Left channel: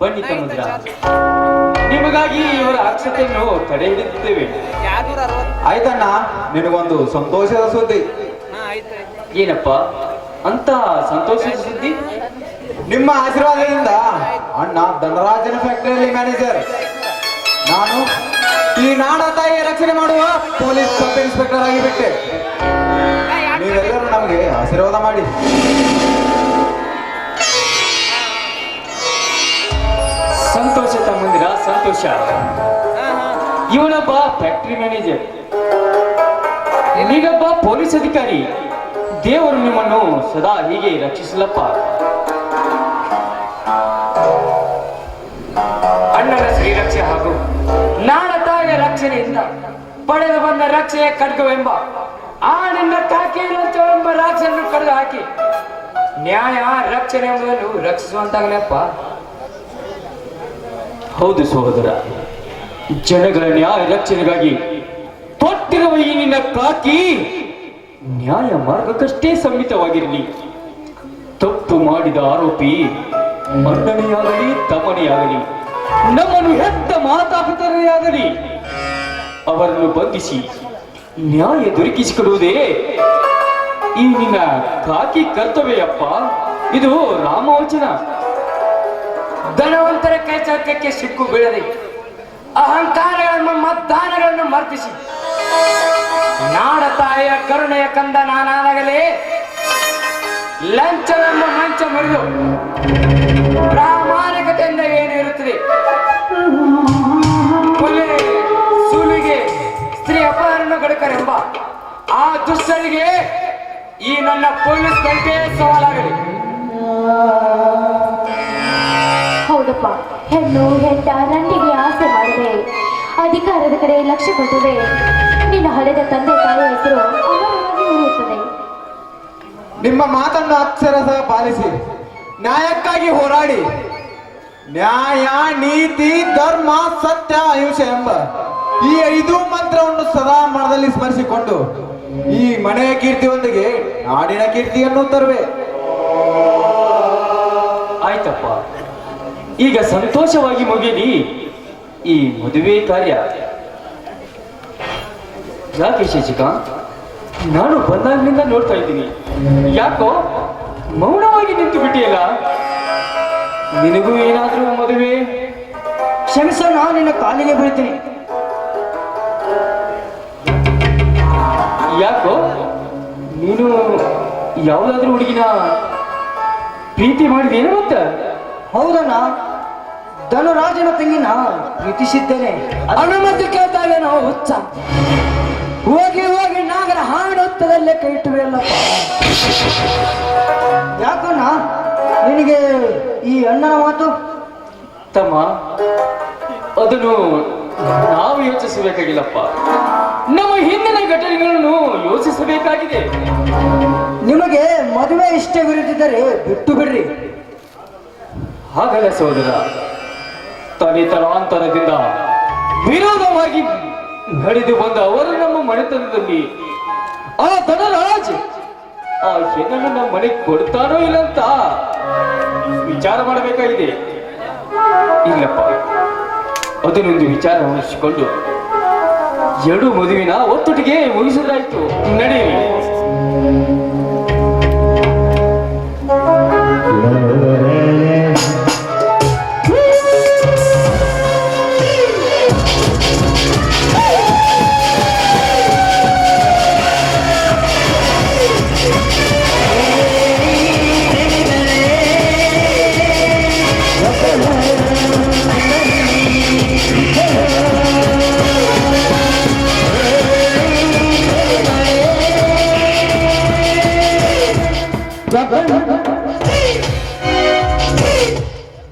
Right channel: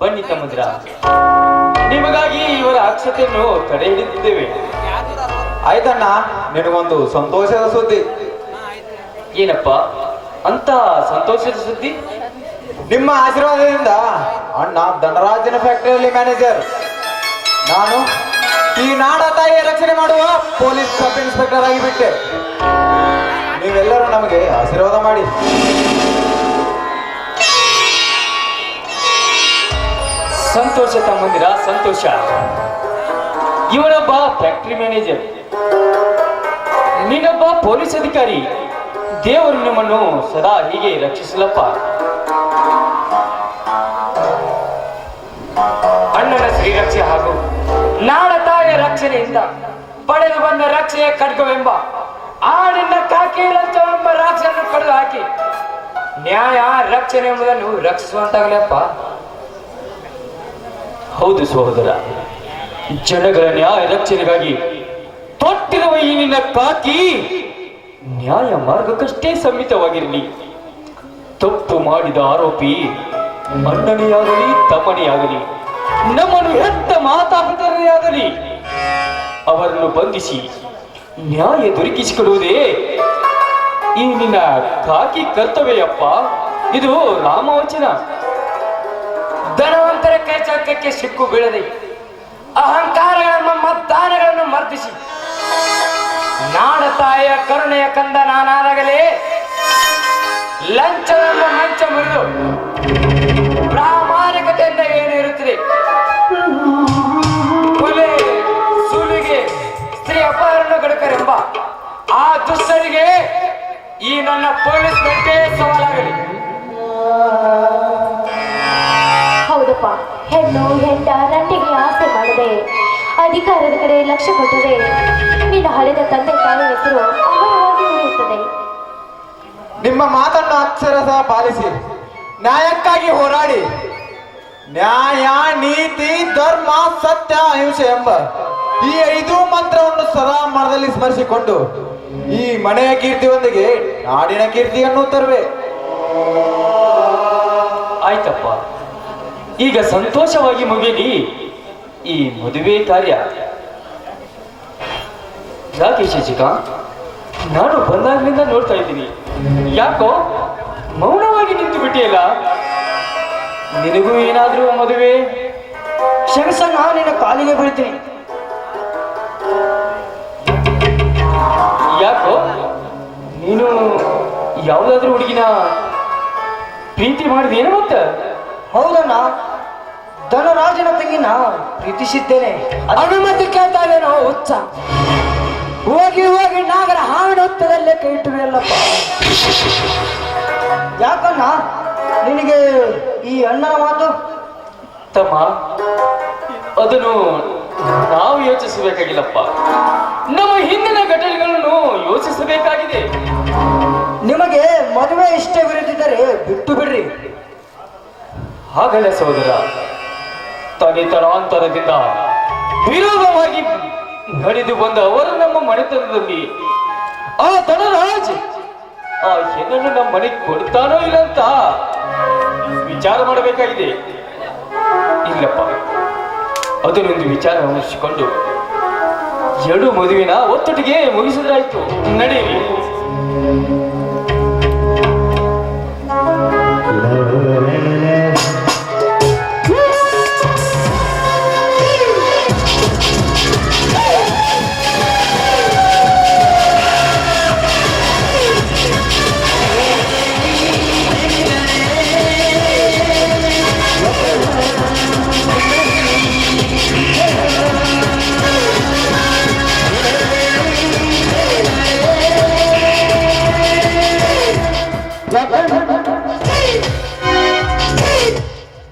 ಬನ್ನಿ ತಮ್ಮದ್ರ ನಿಮಗಾಗಿ ಇವರ ಅಕ್ಷತೆಯನ್ನು ತಡೆ ಹಿಡಿದಿದ್ದೇವೆ. ಆಯ್ತಣ್ಣ ನಿನಗೊಂದು ಸಂತೋಷದ ಸುದ್ದಿ. ಏನಪ್ಪ? ಅಂತ ಸಂತೋಷದ ಸುದ್ದಿ? ನಿಮ್ಮ ಆಶೀರ್ವಾದದಿಂದ ಅಣ್ಣ ಧನರಾಜನ ಫ್ಯಾಕ್ಟರಿಯಲ್ಲಿ ಮ್ಯಾನೇಜರ್ ನಾನು ಈ ನಾಡ ತಾಯಿಯ ರಕ್ಷಣೆ ಮಾಡುವ ಪೊಲೀಸ್ ಸಬ್ ಇನ್ಸ್ಪೆಕ್ಟರ್ ಆಗಿಬಿಟ್ಟೆ. ನೀವೆಲ್ಲರೂ ನಮಗೆ ಆಶೀರ್ವಾದ ಮಾಡಿ. ಸಂತೋಷ ತಮ್ಮಂದಿರ ಸಂತೋಷ. ಇವನೊಬ್ಬ ಫ್ಯಾಕ್ಟ್ರಿ ಮ್ಯಾನೇಜರ್ ನೀನೊಬ್ಬ ಪೊಲೀಸ್ ಅಧಿಕಾರಿ. ದೇವರು ನಿಮ್ಮನ್ನು ಸದಾ ಹೀಗೆ ರಕ್ಷಿಸಲಪ್ಪ ಅಣ್ಣನ ಶ್ರೀರಕ್ಷೆ ಹಾಗೂ ನಾಡ ತಾಯಿಯ ರಕ್ಷಣೆಯಿಂದ ಪಡೆದು ಬಂದ ರಕ್ಷೆಯ ಖಡ್ಗವೆಂಬ, ಆ ನಿನ್ನ ಕಾಕಿ ಕಳೆದು ಹಾಕಿ ನ್ಯಾಯ, ರಕ್ಷಣೆ ಎಂಬುದನ್ನು ರಕ್ಷಿಸುವಂತಾಗಲಪ್ಪ ಹೌದು ಸಹೋದರ, ಜನಗಳ ನ್ಯಾಯ ರಕ್ಷಣೆಗಾಗಿ ತೊಟ್ಟಿರುವ ಈ ನಿನ್ನ ಕಾಕಿ ನ್ಯಾಯ ಮಾರ್ಗಕ್ಕಷ್ಟೇ ಸಮ್ಮಿತವಾಗಿರಲಿ. ತಪ್ಪು ಮಾಡಿದ ಆರೋಪಿ ಮನ್ನಣೆಯಾಗಲಿ ತಮಣೆಯಾಗಲಿ ನಮ್ಮನ್ನು ಹೆತ್ತ ಮಾತಾಪಿತರೇ ಅವರನ್ನು ಬಂಧಿಸಿ ನ್ಯಾಯ ದೊರಕಿಸಿಕೊಡುವುದೇ ಈ ನಿನ್ನ ಕಾಕಿ ಕರ್ತವ್ಯಪ್ಪ ಇದು ರಾಮವಚನ. ಧನವಂತರ ಕೈ ಚೌಕಕ್ಕೆ ಸಿಕ್ಕು ಬೀಳದೆ ಅಹಂಕಾರಗಳನ್ನು ಮತ್ತಾನಗಳನ್ನು ಮರ್ದಿಸಿ. ನಾಡ ತಾಯಿಯ ಕರುಣೆಯ ಕಂದ ನಾನಾದಾಗಲೇ ಲಂಚವನ್ನು ಮಂಚ ಮುರಿದು ಪ್ರಾಮಾಣಿಕತೆಯಿಂದ ಏನಿರುತ್ತದೆ ಕೊಲೆ ಸುಲಿಗೆ, ಸ್ತ್ರೀ ಅಪಹರಣ ಗಡಕರೆಂಬ ಆ ದುಷ್ಟರಿಗೆ ಈ ನನ್ನ ಪೊಲೀಸ್ ಗಂಟೆ ಸವಾಲಾಗಲಿ. ಹೆಣ್ಣು ಹೆಂಡ ನಂಟಿಗೆ ಆಸೆ ಮಾಡದೆ. ಅಧಿಕಾರದ ಕಡೆ ಲಕ್ಷ್ಯ ಕೊಟ್ಟರೆ ನಿನ್ನ ಹಳೆದ ತಂದೆ ತಾಯಿ ಹೆಸರು ಅಮರವಾಗಿ ಉಳಿಯುತ್ತದೆ. ನಿಮ್ಮ ಮಾತನ್ನು ಅಕ್ಷರ ಸಹ ಪಾಲಿಸಿ ನ್ಯಾಯಕ್ಕಾಗಿ ಹೋರಾಡಿ. ನ್ಯಾಯ ನೀತಿ ಧರ್ಮ ಸತ್ಯ ಅಹಿಂಸೆ ಎಂಬ ಈ ಐದು ಮಂತ್ರವನ್ನು ಸದಾ ಮನದಲ್ಲಿ ಸ್ಮರಿಸಿಕೊಂಡು ಈ ಮನೆಯ ಕೀರ್ತಿಯೊಂದಿಗೆ ನಾಡಿನ ಕೀರ್ತಿಯನ್ನು ತರುವೆ. ಆಯ್ತಪ್ಪ. ಈಗ ಸಂತೋಷವಾಗಿ ಮುಗಿಲಿ ಈ ಮದುವೆ ಕಾರ್ಯ. ಯಾಕೆ ಶಶಿಕ? ನಾನು ಬಂದಾಗ್ಲಿಂದ ನೋಡ್ತಾ ಇದ್ದೀನಿ. ಯಾಕೋ ಮೌನವಾಗಿ ನಿಂತು ಬಿಟ್ಟಿಲ್ಲ ನಿನಗೂ ಏನಾದ್ರೂ ಮದುವೆ? ಕ್ಷಮಿಸ ನಾನು ನಿನ್ನ ಕಾಲಿಗೆ ಬೀಳ್ತೀನಿ. ಯಾಕೋ ನೀನು ಯಾವುದಾದ್ರೂ ಹುಡುಗಿನ ಪ್ರೀತಿ ಮಾಡಿದೇನು ಮತ್ತೆ? ಹೌದಣ್ಣ. ಧನರಾಜನ ತಂಗಿನ ಪ್ರೀತಿಸಿದ್ದೇನೆ. ಅನುಮತಿ ಕೇಳ್ತಾವೇನೋ ಹುಚ್ಚ. ಹೋಗಿ ಹೋಗಿ ನಾಗರ ಹಾಡುತ್ತದಲ್ಲೇ ಕೈ ಇಟ್ಟಿರಲ್ಲ ಯಾಕಣ್ಣ? ನಿನಗೆ ಈ ಅಣ್ಣನ ಮಾತು? ತಮ್ಮ ಅದನ್ನು ನಾವು ಯೋಚಿಸಬೇಕಾಗಿಲ್ಲಪ್ಪ. ನಮ್ಮ ಹಿಂದಿನ ಘಟನೆಗಳನ್ನು ಯೋಚಿಸಬೇಕಾಗಿದೆ. ನಿಮಗೆ ಮದುವೆ ಇಷ್ಟವಿರದಿದ್ದರೆ ಬಿಟ್ಟು ಬಿಡ್ರಿ. ಹಾಗಲ್ಲ ಸಹೋದರ ತನಿತರಾಂತರದಿಂದ ವಿರೋಧವಾಗಿ ನಡೆದು ಬಂದ ಅವರು ನಮ್ಮ ಮನೆತನದಲ್ಲಿ, ಆ ಧನರಾಜ್ ಆ ಹೆಣ್ಣನ್ನು ನಮ್ಮ ಮನೆಗೆ ಕೊಡ್ತಾನೋ ಇಲ್ಲ ಅಂತ ವಿಚಾರ ಮಾಡಬೇಕಾಗಿದೆ. ಇಲ್ಲಪ್ಪ, ಅದನ್ನೊಂದು ವಿಚಾರ ವಹಿಸಿಕೊಂಡು ಎರಡು ಮದುವಿನ ಒತ್ತೊಟ್ಟಿಗೆ ಮುಗಿಸಿದ್ರಾಯ್ತು. ನಡೆಯಿರಿ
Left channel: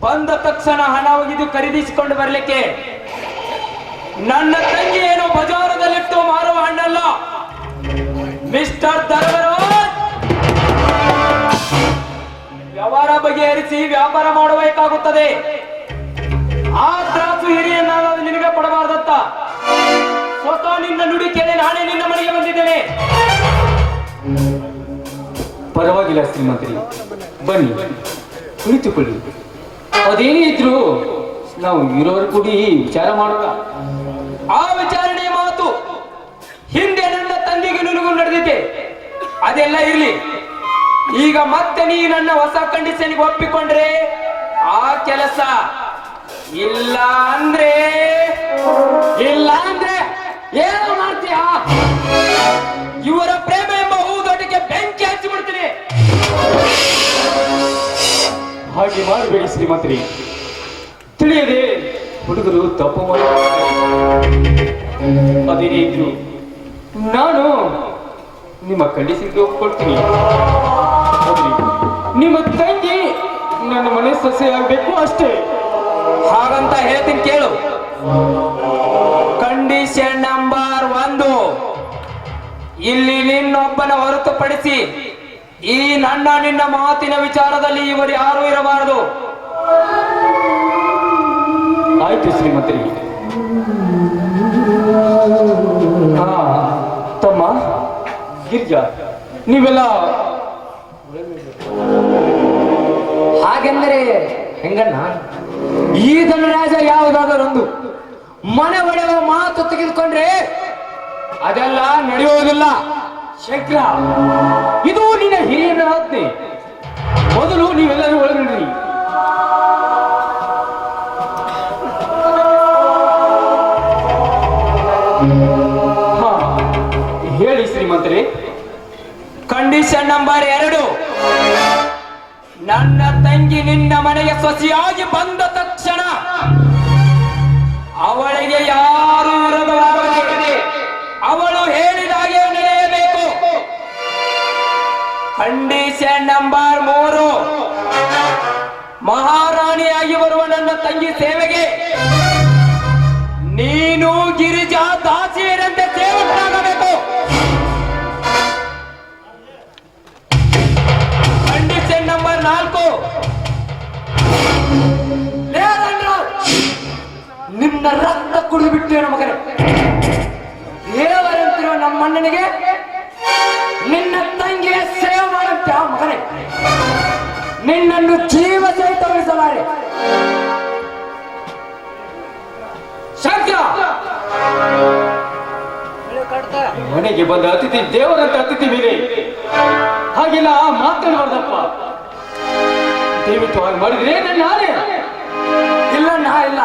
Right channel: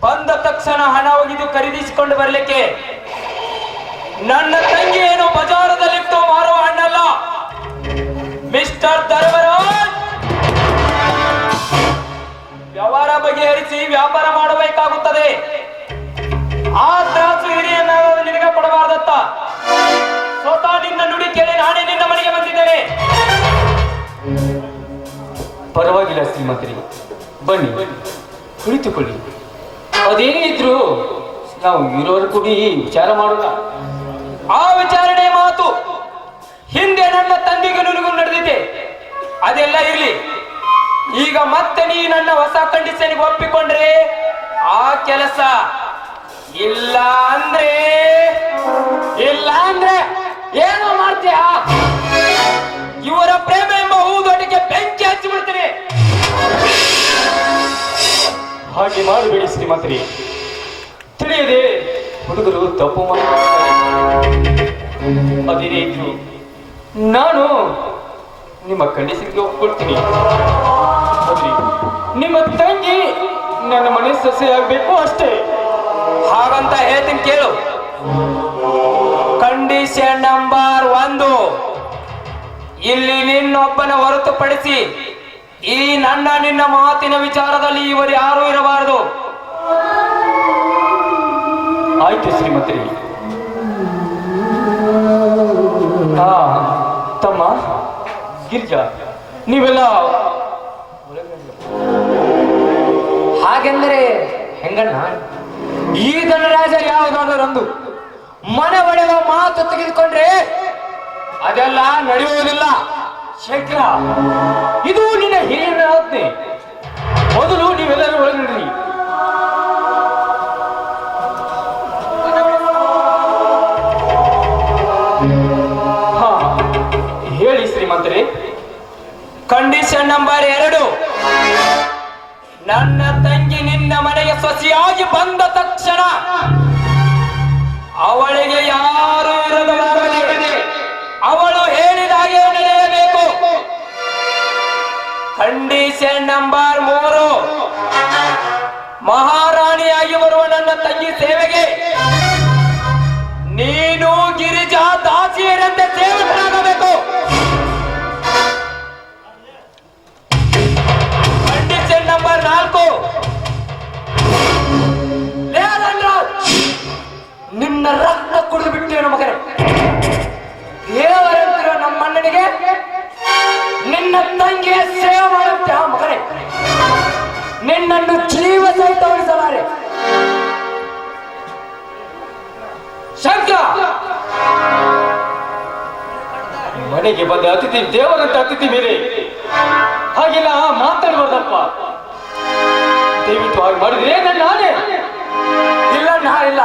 ಬಂದ ತಕ್ಷಣ ಹಣ ಒಗೆದು ಖರೀದಿಸಿಕೊಂಡು ಬರಲಿಕ್ಕೆ ನನ್ನ ತಂಗಿ ಏನು ಬಜಾರದಲ್ಲಿತ್ತು ಮಾರುವ ಹಣ್ಣಲ್ಲ. ಮಿಸ್ಟರ್ ಧರ್ಮರಾಜ್! ವ್ಯವಹಾರ ಬಗೆಹರಿಸಿ ವ್ಯಾಪಾರ ಮಾಡಬೇಕಾಗುತ್ತದೆ. ಆ ತ್ರಾಸು ಹಿರಿಯನ್ನಾಗ ನಿನಗೆ ಕೊಡಬಾರ್ದತ್ತ ಸ್ವತಃ ನಿನ್ನ ನುಡಿ ಕೇಳಿ ನಾನೇ ನಿನ್ನ ಮನೆಗೆ ಬಂದಿದ್ದೇನೆ. ಪರವಾಗಿಲ್ಲ ಶ್ರೀಮಂತರಿ. ಬನ್ನಿ, ಕುಳಿತುಕೊಳ್ಳಿ. ಅದೇನೇ ಇದ್ರು ನಾವು ಇರೋರು ಕೂಡಿ ವಿಚಾರ ಮಾಡೋಣ. ಆ ವಿಚಾರಣೆ ಮಾತು ಹಿಂದೆ ನನ್ನ ತಂದೆಗೆ ನುಲುಗು ನಡೆದಿದೆ. ಅದೆಲ್ಲ ಇರಲಿ. ಈಗ ಮತ್ತೆ ನೀ ನನ್ನ ಹೊಸ ಕಂಡೀಷನ್ಗೆ ಒಪ್ಪಿಕೊಂಡ್ರೆ ಆ ಕೆಲಸ ಇಲ್ಲ ಅಂದ್ರೆ ಇಲ್ಲ ಅಂದ್ರೆ ಏನು? ಹಾಗೆ ಮಾಡಬೇಡಿ ಶ್ರೀಮತಿ ತಿಳಿಯದೆ ಹುಡುಗರು ತಪ್ಪು ಅದೇನೇ ಇದ್ರು ನಾನು ನಿಮ್ಮ ಕಂಡೀಷನ್ಗೆ ಒಪ್ಕೊಳ್ತೀನಿ. ನಿಮ್ಮ ತಂಗಿ ನನ್ನ ಮನೆ ಸೊಸೆಯಾಗಬೇಕು ಅಷ್ಟೇ. ಹಾಗಂತ ಹೇಳ್ತೀನಿ ಕೇಳು. ಕಂಡೀಷನ್ ನಂಬರ್ ಒಂದು. ಇಲ್ಲಿ ನಿನ್ನೊಬ್ಬನ ಹೊರತುಪಡಿಸಿ ಈ ನನ್ನ ನಿನ್ನ ಮಾತಿನ ವಿಚಾರದಲ್ಲಿ ಇವರು ಯಾರು ಇರಬಾರದು. ಆಯ್ತು ಶ್ರೀಮತಿ ಹಾ, ತಮ್ಮ, ಗಿರ್ಜಾ, ನೀವೆಲ್ಲ ಹಾಗೆಂದರೆ ಹೆಂಗಣ್ಣ? ಈ ಧನರಾಜ ಯಾವುದಾದರೊಂದು ಮನೆ ಒಡೆಯುವ ಮಾತು ತೆಗೆದುಕೊಂಡ್ರೆ ಅದೆಲ್ಲ ನಡೆಯುವುದಿಲ್ಲ. ಶಂಕರ, ಇದು ನಿನ್ನ ಹಿರಿಯರ ಆಜ್ಞೆ. ಮೊದಲು ನೀವೆಲ್ಲರೂ ಒಳಗಿಡ್ರಿ ಹಾ, ಹೇಳಿ ಶ್ರೀಮಂತರೇ. ಕಂಡೀಷನ್ ನಂಬರ್ ಎರಡು. ನನ್ನ ತಂಗಿ ನಿನ್ನ ಮನೆಯ ಸೊಸೆಯಾಗಿ ಬಂದ ತಕ್ಷಣ ಅವಳಿಗೆ ಯಾರು ವಿರೋಧವಾಗದೆ ಕಂಡೀಷನ್ ನಂಬರ್ ಮೂರು. ಮಹಾರಾಣಿಯಾಗಿ ಬರುವ ನನ್ನ ತಂಗಿ ಸೇವೆಗೆ ನೀನು ಗಿರಿಜಾ ದಾಸಿಯರಂತೆ ಸೇವಕರಾಗಬೇಕು ಕಂಡೀಷನ್ ನಂಬರ್ ನಾಲ್ಕು. ನಿನ್ನ ರಕ್ತ ಕುಡಿದು ಬಿಟ್ಟಿರೋ ಮಗನ. ದೇವರಂತಿರೋ ನಮ್ಮ ಅಣ್ಣನಿಗೆ ನಿನ್ನ ತಂಗಿಯ ಸೇವೆ ಮಾಡುತ್ತ ಮಗನೇ ನಿನ್ನನ್ನು ಜೀವ ಸಹಿತ ಉಳಿಸಲಾರೆ. ಶಂಕರ ಮನೆಗೆ ಬಂದ ಅತಿಥಿ ದೇವರಂತ ಅತಿಥಿ ಬೇರೆ. ಹಾಗೆಲ್ಲ ಮಾತಾಡಬಾರ್ದಪ್ಪ ದಯವಿಟ್ಟು ಹಾಗೆ ಮಾಡಿದ್ರೆ ನಾನೇ? ಇಲ್ಲ ನಾ ಇಲ್ಲ.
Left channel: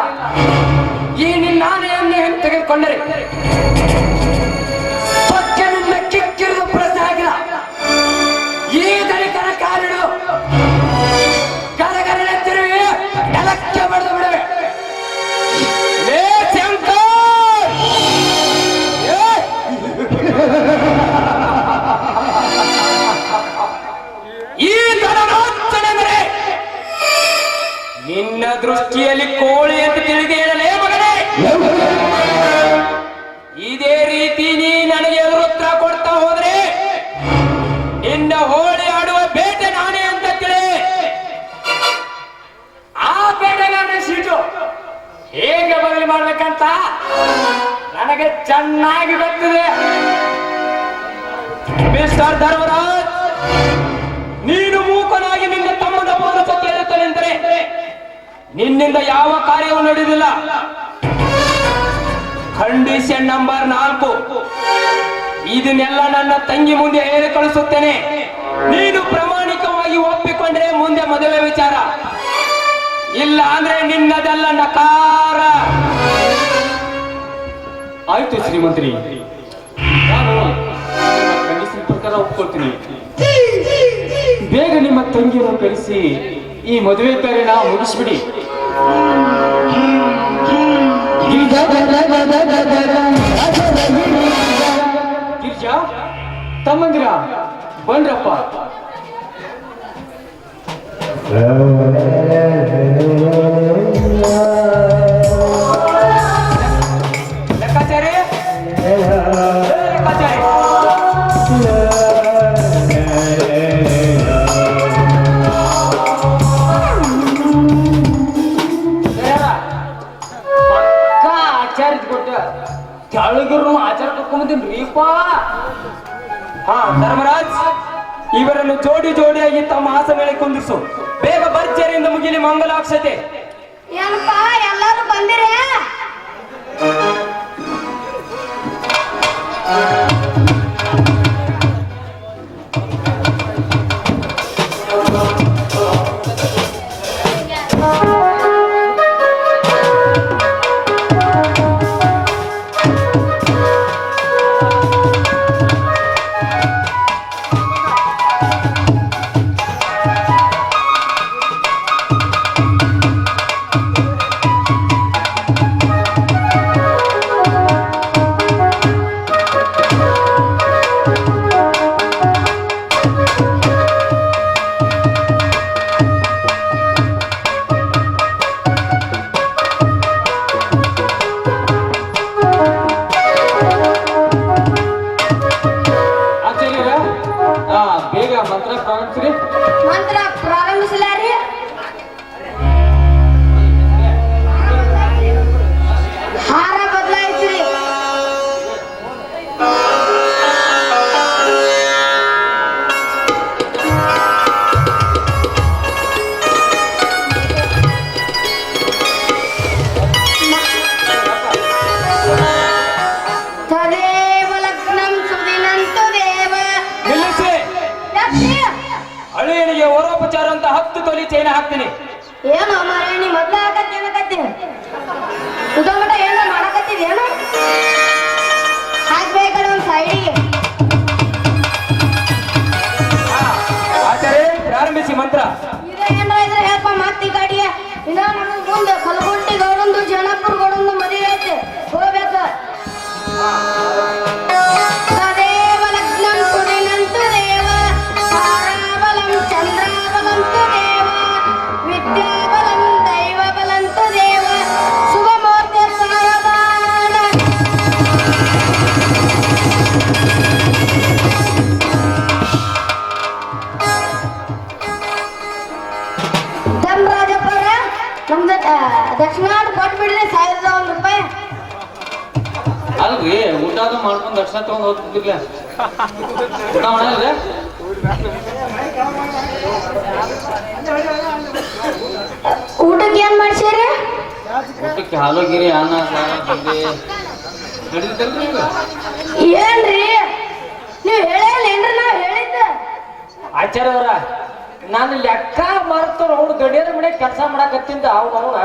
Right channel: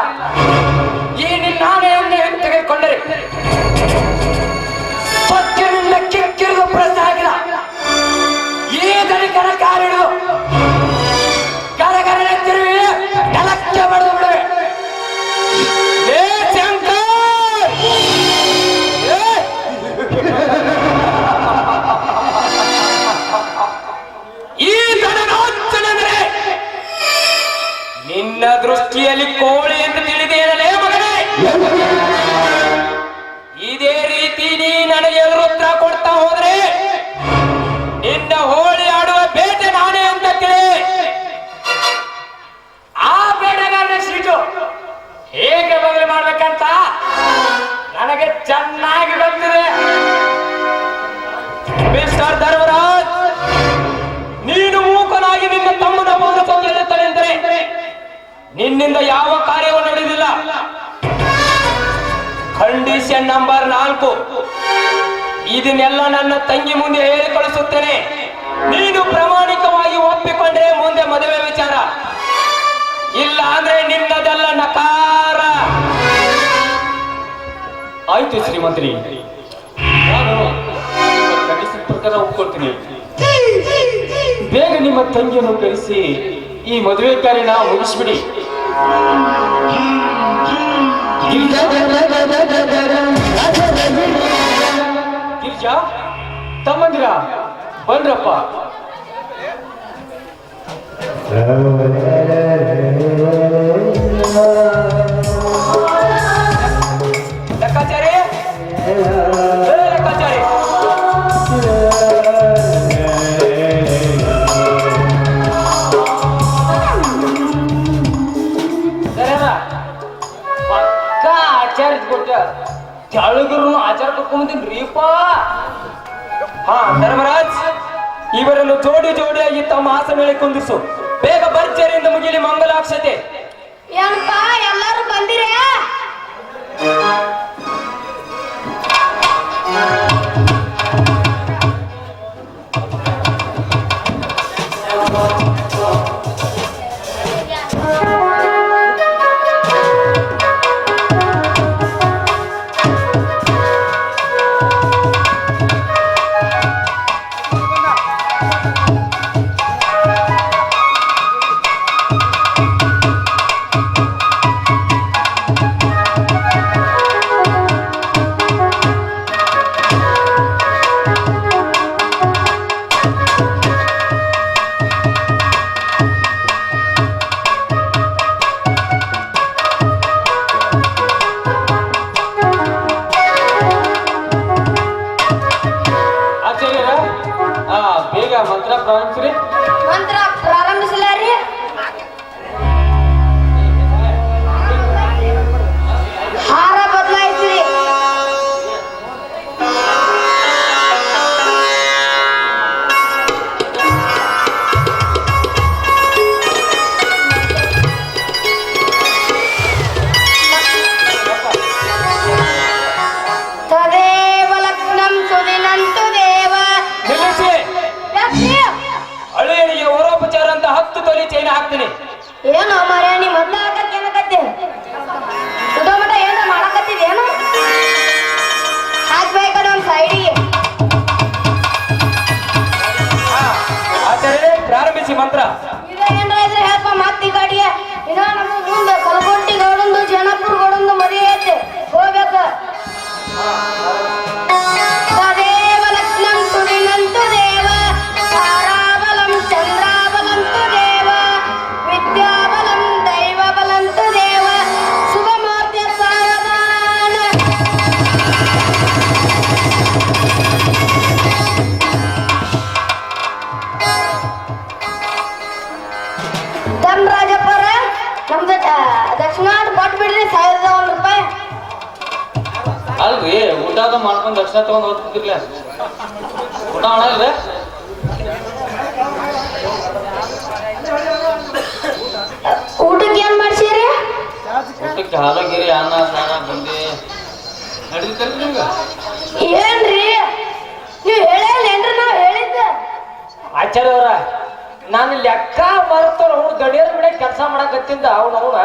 ದೃಷ್ಟಿಯಲ್ಲಿ ಕೋಳಿ ಎಂದು ತಿಳಿದೇನಲೇ ಮಗನೇ. ಇದೇ ರೀತಿ ನೀ ನನಗೆ ಉತ್ತರ ಕೊಡ್ತಾ ಹೋದ್ರೆ ನಿನ್ನ ಹೋಳಿ ಆಡುವ ಬೇಟೆ ನಾನೇ ಅಂತ ತಿಳಿ. ಆ ಬೇಟೆಗಾರನ ಸೀಟು ಹೇಗೆ ಬದಲಿ ಮಾಡ್ಬೇಕಂತ ನನಗೆ ಚೆನ್ನಾಗಿ ಗೊತ್ತಿದೆ. ಮಿಸ್ಟರ್ ಧರ್ಮರಾಜ್ ನಿನ್ನಿಂದ ಯಾವ ಕಾರ್ಯವೂ ನಡೆದಿಲ್ಲ. ಕಂಡೀಷನ್ ನಂಬರ್ ನಾಲ್ಕು. ಇದನ್ನೆಲ್ಲ ನನ್ನ ತಂಗಿ ಮುಂದೆ ಹೇಳಿ ಕಳಿಸುತ್ತೇನೆ. ನೀನು ಪ್ರಾಮಾಣಿಕವಾಗಿ ಒಪ್ಪಿಕೊಂಡ್ರೆ ಮುಂದೆ ಮದುವೆ ವಿಚಾರ. ಇಲ್ಲ ಅಂದ್ರೆ ನಿನ್ನದೆಲ್ಲ ನಕಾರ. ಆಯ್ತು ಶ್ರೀಮಂತ್ರಿ. ಪ್ರಕಾರ ಒಪ್ಕೊಳ್ತೀನಿ. ಬೇಗ ನಿಮ್ಮ ತಂಗಿಯನ್ನು ಕಳಿಸಿ ಈ ಮದುವೆ ಕಾರ್ಯನ ಮುಗಿಸ್ಬಿಡಿ. ತಮ್ಮಂದಿರ ಬನ್ರಪ್ಪ ಅಂತ ಹತ್ತು ತೊಲಿ ಚೈನ ಹಾಕ್ತೀನಿ. ಏನು ಮರೆ ನೀ ಮೊದ್ಲ ಹಾಕಕ್ಕೆ ಏನಕತ್ತಿ ಮಟ ಏನೋ? ಮಾಡಕತ್ತಿದೇನು ಹಾಕ್ಬೇಕಡೆ ಒಂದು ಸೈಡಿಗೆ ಆಚಾರ್ಯ ಪ್ರಾರಂಭಿಸಿ ಮಂತ್ರ. ಇದ್ರೆ ಹೇಳಪ್ಪ ಮತ್ತೆ ಗಾಡಿಯ ಇನ್ನ ನಮ್ಮ ಮುಂದೆ ಕಲ್ಕೊಂಟಿ ಗೌಡಂದು ಜನಪುರ ಗೌಡಂದು ಮದುವೆ ಐತೆ. ಹೋಗ್ಬೇಕು. ದರ್ಶನ ತಗೊಂಡ್ ಹೋಗ್ತಿರ್ಲ ಊಟಕ್ಕೆ ಏನ್ ಮಾಡ್ಸಿರಿ? ಊಟಕ್ಕೆ ಹಾಲು ಗಿರಿ ಅನ್ನ ಸಾರ ಬಂದಿ? ಏನ್ರಿ? ನೀವು ಹೇಳೇನ್ರಿ ನಾವ್ ಹೇಳಿದ್ದ? ಆಚಾರ್ಯ ಅವರ ನಾನು ಲೆಕ್ಕ ಮರ್ತವ್ರ ಅವ್ನು ಗಡಿಯರ ಮನೆ ಕೆಲಸ ಮಾಡಕತ್ತಿಂದ ಅವ್ನ ಅವನ.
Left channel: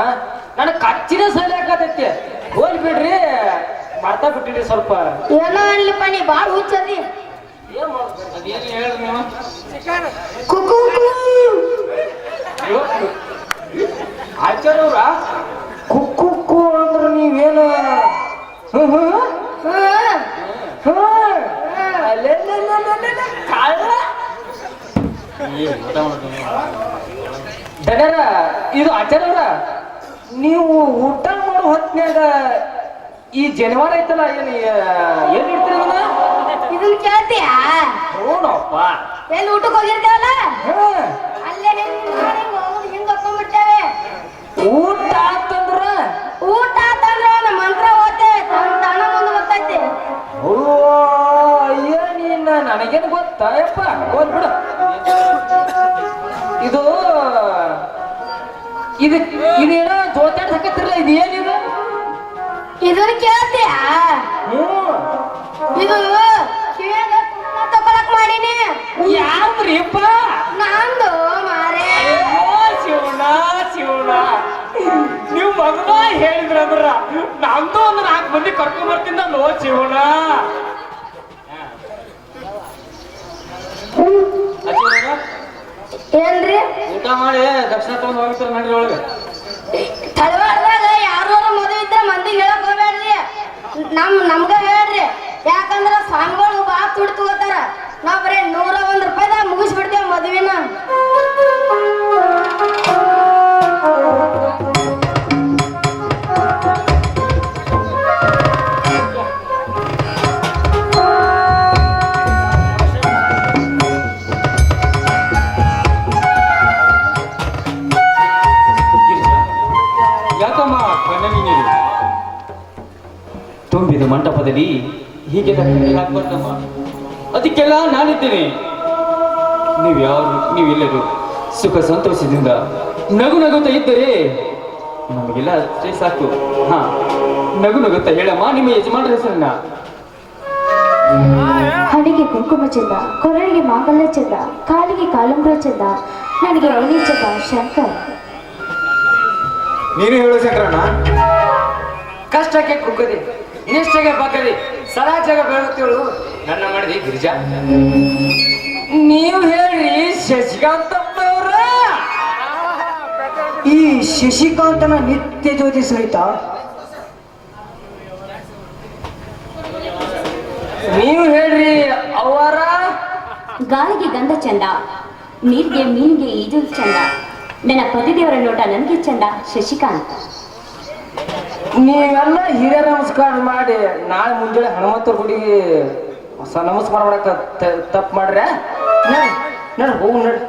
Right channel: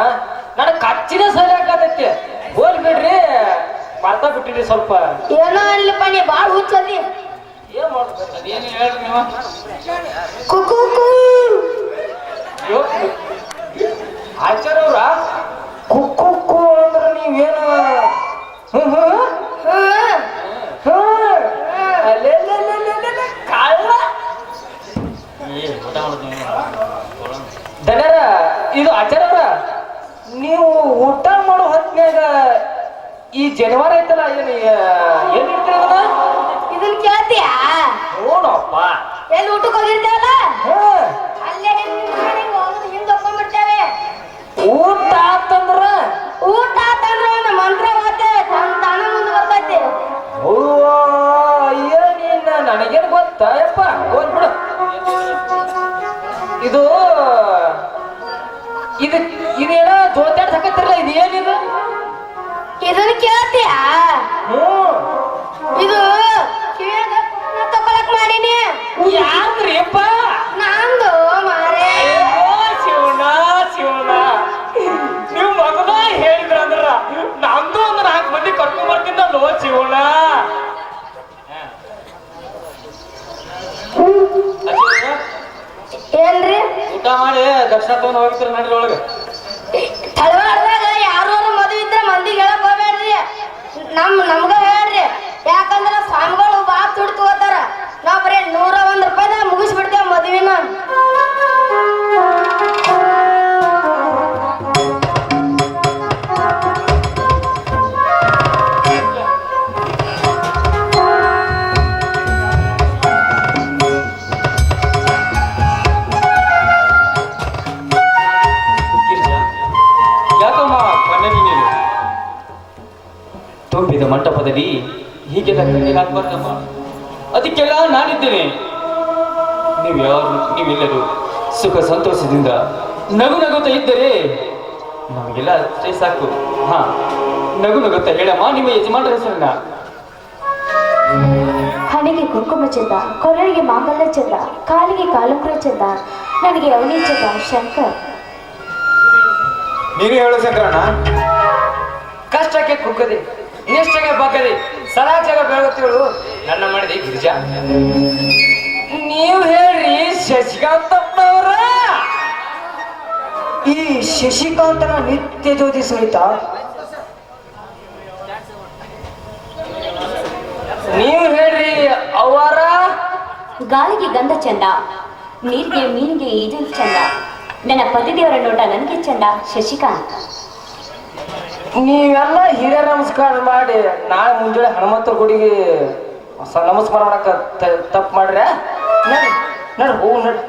ನನಗೆ ಕಚ್ಚಿನ ಸರಿ ಹಾಕತೈತಿ ಹೋಲ್ ಬಿಡ್ರಿ. ಮರ್ತಾ ಬಿಟ್ಟಿರಿ ಸ್ವಲ್ಪ. ಏನೋ ಅನ್ಲಿಪ್ಪ ನೀ ಬಾಳ ಹುಚ್ಚದಿ ಏನ್ ಮಾಡ್ಬೇಕು? ಅದೇನು ಹೇಳ್ರಿ ನೀವು? ಕುಕು ಅಯ್ಯೋ, ಆಚಾರ್ಯ ಅವ್ರ ಕುಕ್ಕು ಅಂದ್ರೆ ನೀವೇನು? ದನರ ಇದು ಆಚಾರ್ಯವ್ರ? ನೀವು ಊಟ ಮಾಡೋ ಹೊತ್ನ್ಯಾಗ ಈ ಜನವಾರ ಐತಲ್ಲ ಏನು ಏನ್ ಇಡ್ತೀರಿ ಇದನ್ನ ಇದನ್ ಕೇಳ್ತೀಯಾ? ನೋಡಪ್ಪ. ಎಲ್ಲಿ ಊಟಕ್ಕೆ ಹೋಗಿರ್ತೇವಲ್ಲ. ಅಲ್ಲೇ ಹಿಂಗ್ ಹೊಕ್ಕೊಂಡ್ಬಿಡ್ತೇವೆ ಊಟ ಅಂತಂದ್ರ? ಊಟ ಆತಂದ್ರೆ ಒಂದು ಮಂತ್ರ ಓದ್ತೇವೆ ತನ್ನ ತಣ ಮುಂದೆ ಬರ್ತೈತಿ. ಓ ಅಯ್ಯ ನೀನ್ ನನಗೇನು ಗೊತ್ತಾಯಪ್ಪ ಓದ್ಬಿಡು ಇದು ಇದು ಇದೇನೋ ಜೋತಾಡ್ ಹಾಕತ್ತಿರಲ್ಲ ಇದು ಏನಿದು ಇದನ್ನ ಕೇಳ್ತೀಯಾ? ಇದು ಕುಂಕುಮ ತಗೊಳಕ್ ಮಾಡೀನಿ. ಯಾಕ್ರಿಪ್ಪ ನಂದು ಮಾರೇ. ಶಿವಣ್ಣ ಶಿವಣ್ಣ. ನೀವು ಮಗನ ಹೇಳಿದ್ರಂದ್ರ ನಂದು ಒಂದು ನಾಲ್ಕು ಮಂದಿ ಕರ್ಕೊಂಡ್ ಬರ್ತಿದ್ದಲ್ಲೋ ಶಿವನ ಏನ್ರಿ? ಊಟ ಮಾಡಿ ದಕ್ಷಿಣ ತಗೊಂಡ್ ಹೋಗ್ತಾರೆ ನಡಿ ಒಳಗೆ. ತಳವಾಡ್ದಾಗ ಯಾರು ಮದುವೆ ಇದ್ರೆ ಮಂದಿಗೆ ಹೇಳಕ್ ನಮ್ ನಮ್ಗ ಹೇಳ್ರಿ. ಯಾಕಂದ್ರ ಸ್ವಾಮಿಗಳು ಬಾಳ್ ದುಡ್ಡು ತಗೋತಾರ ನಾವ್ ಬರೀ ನೂರ ಒಂದ್ ರೂಪಾಯಿದಾಗ ಮುಗಿಸ್ಬಿಡ್ತೇವೆ ಮದುವಿನ. ಅದಕ್ಕೆಲ್ಲ ನಾನಿದ್ದೇನೆ. ನೀವ್ಯಾರು ನೀವೆಲ್ಲರೂ ಸುಖ ಸಂತೋಷದಿಂದ ನಗು ನಗುತ್ತಾ ಇದ್ದರೆ ನಮಗೆಲ್ಲ ಅಷ್ಟೇ ಸಾಕು. ಹಾ ನಗು ನಗುತ್ತಾ ಹೇಳಮ್ಮ ನಿಮ್ಮ ಯಜಮಾನರ ಹೆಸರನ್ನ. ಹಣೆಗೆ ಕುಂಕುಮ ಚಂದ ಕೊರಳಿಗೆ ಮಾಂಗಲ್ಯ ಚಂದ ಕಾಲಿಗೆ ಕಾಲುಂಗ್ರ ಚಂದ ನನಗೆ ಅವನೇ ಚಂದ ಶಂಕರ್. ನೀನು ಹೇಳು ಶಂಕರಣ್ಣ. ಕಷ್ಟಕ್ಕೆ ಕುಕ್ಕದೆ ನಿಷ್ಠೆಗೆ ಬಗ್ಗದೆ ಸದಾಚಾರ ಬೆಳಗುತ್ತಿರುವುದು ನನ್ನ ಮಾಡಿದಿ ಗಿರಿಜಾ. ನೀವು ಹೇಳ್ರಿ ಶಶಿಕಾಂತಪ್ಪನವ್ರ ಈ ಶಶಿಕಾಂತನ ನಿತ್ಯ ಜ್ಯೋತಿ ಸಹಿತ ನೀವು ಹೇಳ್ರಿ ಅವರ. ಗಾಳಿಗೆ ಗಂಧ ಚಂದ ನೀರಿಗೆ ಮೀನಿಗೆ ಇದು ಚಂದ. ನನ್ನ ಪತಿದೇವರ ನೋಟ ನನಗೆ ಚಂದ ಶಶಿಕಾಂತ್. ನೀವೆಲ್ಲ ಹಿರಿಯ ನಮಸ್ಕಾರ ಮಾಡಿ, ನಾಳೆ ಮುಂಜಾನೆ ಹನುಮಂತ ಗುಡಿಗೆ ಹೊಸ ನಮಸ್ಕಾರ ಮಾಡಕ ತಪ್ಪು ಮಾಡ್ರೆ? ನಡ್ರಿ ಹೋಗು ನಡ್ರಿ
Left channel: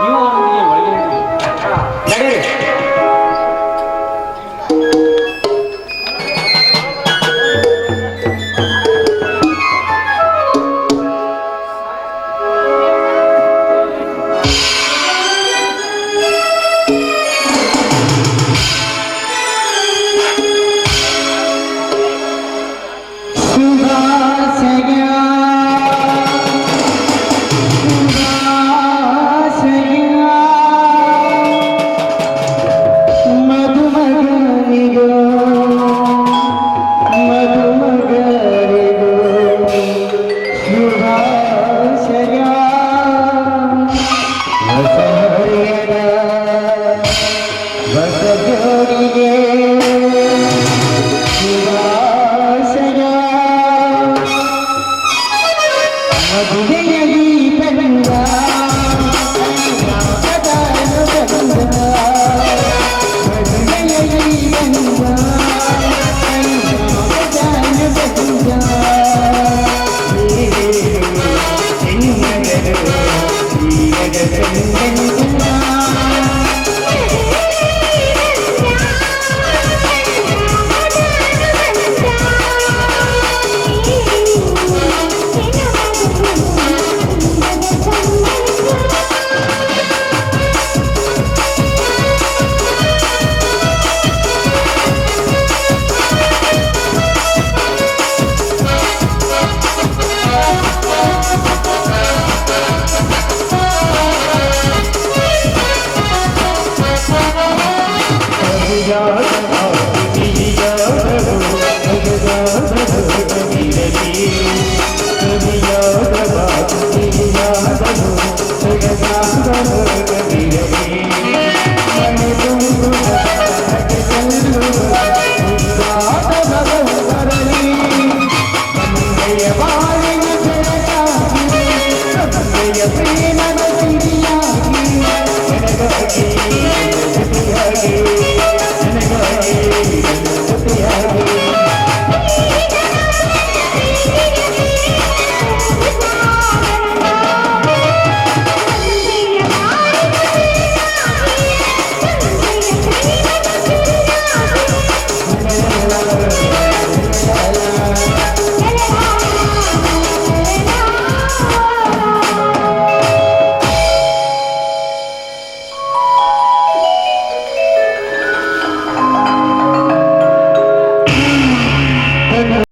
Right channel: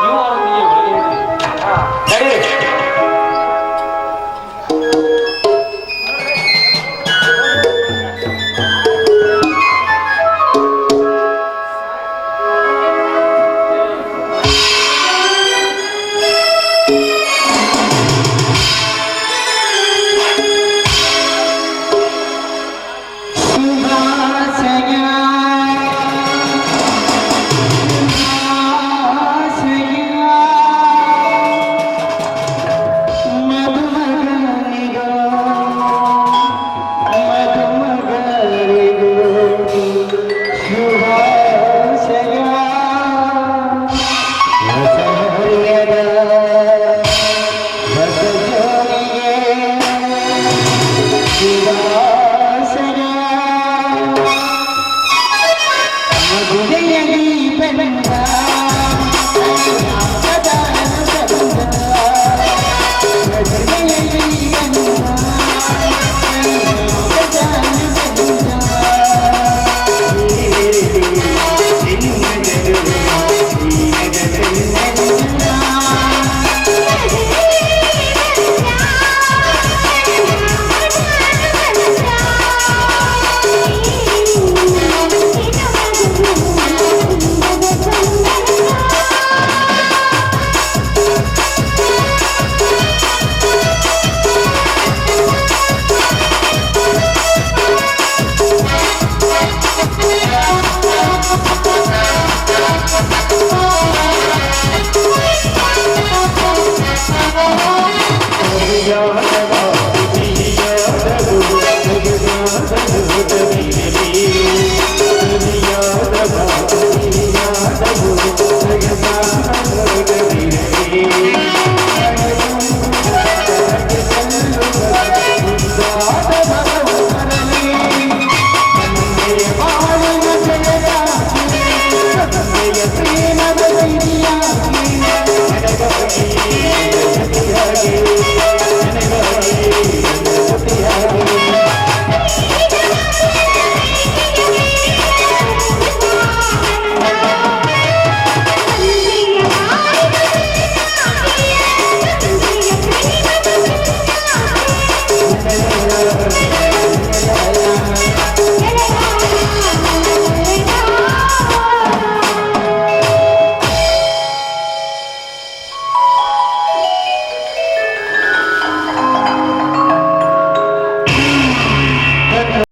ನೀವು Bye.